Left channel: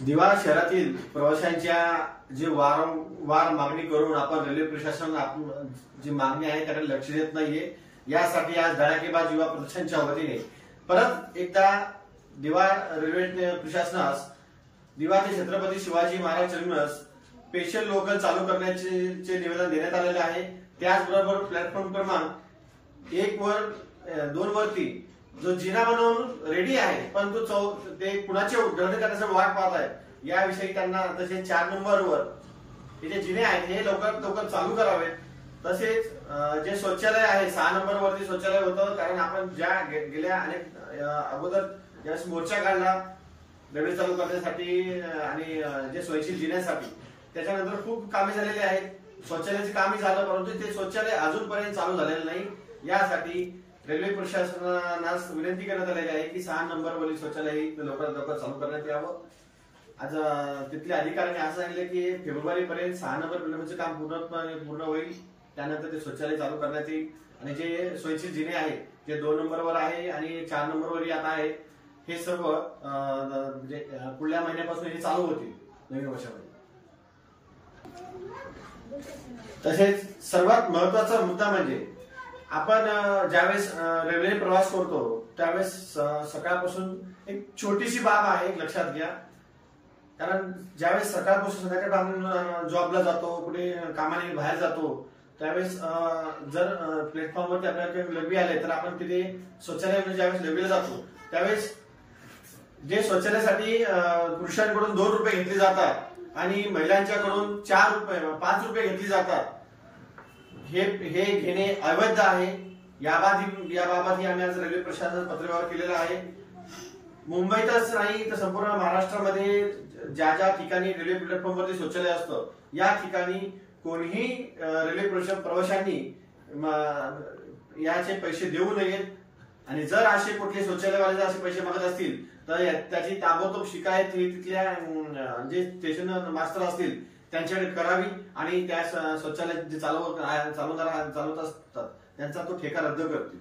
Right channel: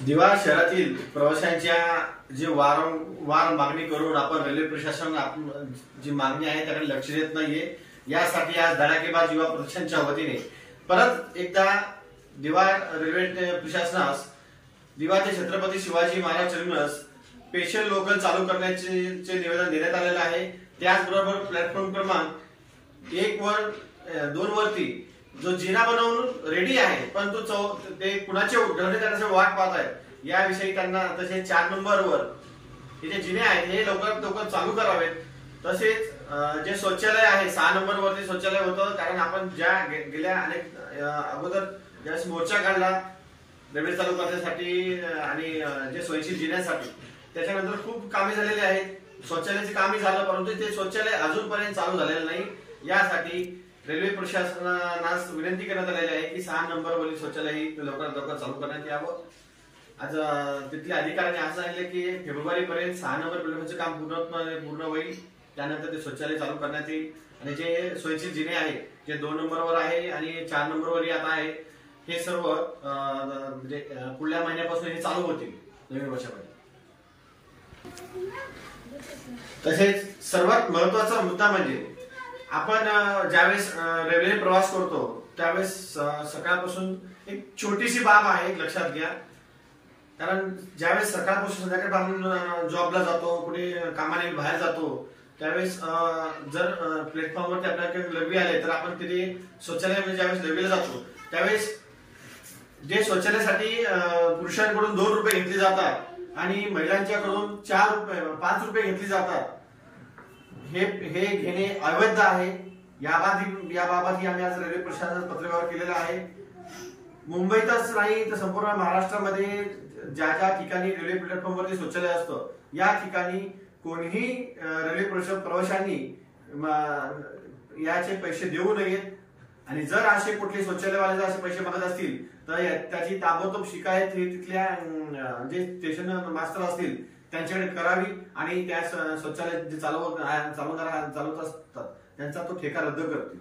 दिवा शहरातील प्रवाशांच्या जी वारंवार मागणी करून आपण रेल्वे प्रशासन जी मागणी आहे त्याकडे लक्ष देत नाहीये, यासाठी आज धडाकेबाज युवा प्रदर्शनच्या वतीने परत एकदा दिवा रेल्वे प्रशासनास दिवा ते Chhatrapati Shivaji Maharaj terminus special local चालू करण्याचे निवेदन देण्यात आलेलं आहे। त्याचबरोबर प्लॅटफॉर्म क्रमांक 1 वर 2 वरती जो जिना बनवून रेडी आहे, परंतु ते कुणाचे उद्घाटन करण्याची वाट पाहत आहेत, याविषयी त्यांना तसे 4 नंबरवर हे जे जिने आहेत हे लवकर चालू करावेत। तसेच जे शौचालय आहे 6 नंबर वरती शौचालय होतं, कारण आपण ज्या गेल्या अनेक अगोदर ज्यावेळेस मोर्चा काढला रेल्वे चालू करण्यासाठी आणि जे सोयीशीर जिन्यासाठी, त्याच्यानंतर खूप कामे झालेली आहेत, शौचालयाचे कामही झालं, परंतु ते शौचालय अजूनपर्यंत चालू झालेलं नाही। यासाठी रेल्वे प्रशासनास विनंती करण्यात आलेली आहे की 6 नंबरवरील शौचालय लवकर चालू करण्यात यावं। आज तिथल्या अधिकाऱ्यांनी असं सांगितलं की फेब्रुवारी पर्यंत 6 नंबर प्लॅटफॉर्मचे काम पूर्ण होईल, त्यानंतर ते शौचालय चालू करण्यात येईल। आणि जे सोयीशीर जिने आहे जे 2 नंबरवर आहे आणि 4 नंबरवर आता आहे, हे सर्व म्हणजे पुढल्या महिन्यापासून हे चालू होतील नवीन वर्षामध्ये। तसेच सर्वात महत्वाचा मुद्दा म्हणजे आपण ज्यावेळेस रेल्वेने प्रवास करतो त्यावेळेस सकाळपासून एक छोटीशी बाब आहे, लक्षात घ्या। कारण ज्यावेळेस सकाळपासून संध्याकाळपर्यंत जॉबला जातो, कुठे कामाने बाहेर जातो, त्यावेळेस जर प्लॅटफॉर्मवरती आपल्याकडे लघवी आले तर आपण तिथे शौचालयामध्ये ज्यावेळेस लघवीला जातो त्यावेळेस जे शौचालयासाठी पुरुषांकडून 2 रुपये घेतले जातात आणि महिलांच्याकडून 5 रुपये घेतले जातात, हे घेणे अवैध आहे। याबाबतही आम्ही आज रेल्वे प्रशासनास पत्रव्यवहार केलेला आहे। मुंबईतच नाही तर संपूर्ण महाराष्ट्रामध्ये ज्या ठिकाणी रेल्वे प्लॅटफॉर्मवरती शौचालय असतं, या ठिकाणी कोणीही रेल्वे प्रवाशांनी याचे पैसे देऊ नयेत। आणि जर असे कुठले शौचालयवाले असे पैसे मागत असतील तर त्याची ताबडतोब शिकायत तिथल्या जे स्टेशन मास्टर असतील त्यांच्याकडे करावी आणि त्या शौचालय जे चालवत असतात त्यांचा तो ठेका रद्द करतील।